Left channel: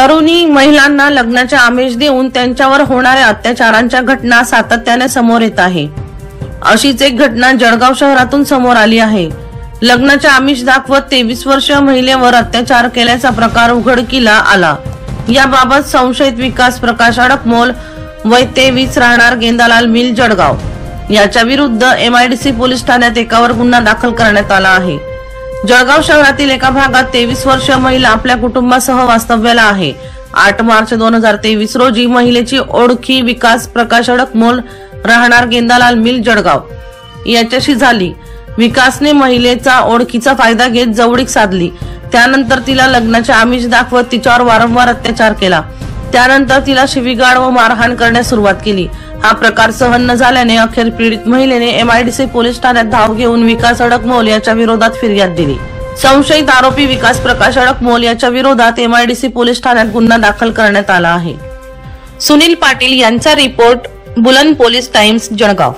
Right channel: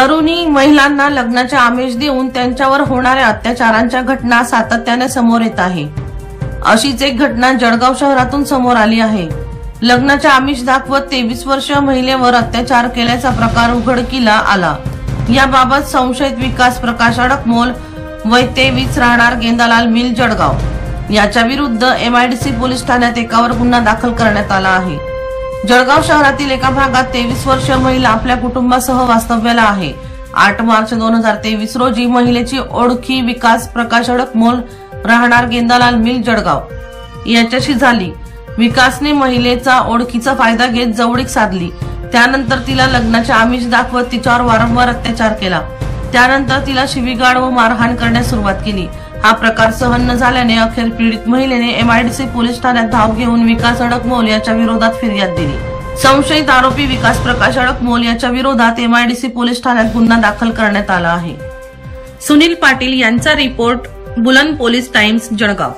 तरुणी महिलांना लग्नाचे आमिष देऊन त्यांच्यावर होणाऱ्या अत्याचारांच्या घटना सातत्याने समोर येत आहे। अशीच एक घटना जळगाव शहरातून समोर आली आहे। लग्नाचे आमिष दाखवत 23 वर्षीय महिलेवर अत्याचार केल्याचा प्रकार उघडकीला आला। याबाबत संशयित विकास प्रकाश अडकमोल वय 23 राहणार गेंदालाल मिल जळगाव याच्या विरुद्ध MIDC पोलीस ठाण्यात एकावर गुन्हा दाखल करण्यात आला आहे। जळगाव शहरातील एका भागात 23 वर्षीय महिला आपल्या कुटुंबासह वास्तव्याला आहे। 8 मार्च 2023 रोजी महिलेची ओळखी विकास प्रकाश अडकमोल राहणार गेंदालाल मिल जळगाव याच्याशी झाली। विकासने महिलेचा ओळखीचा फायदा घेत जवळीक साधली। त्यानंतर तिला लग्नाचे आमिष दाखवत तिच्यावर वारंवार अत्याचार केला। त्यानंतर तिला शिवीगाळ व मारहाण करण्यास सुरुवात केली। हा प्रकार सहन न झाल्याने अखेर पीडित महिलेने MIDC पोलीस ठाण्यात धाव घेऊन विकास अडकमोल याच्या विरोधात फिर्याद दिली। संशयित आरोपी विकास प्रकाश अडकमोल याच्या विरोधात MIDC पोलीस ठाण्यात गुन्हा दाखल करण्यात आला आहे। सुनील पाटील यांचा रिपोर्ट, बुलंद पोलीस टाइम्स जळगाव।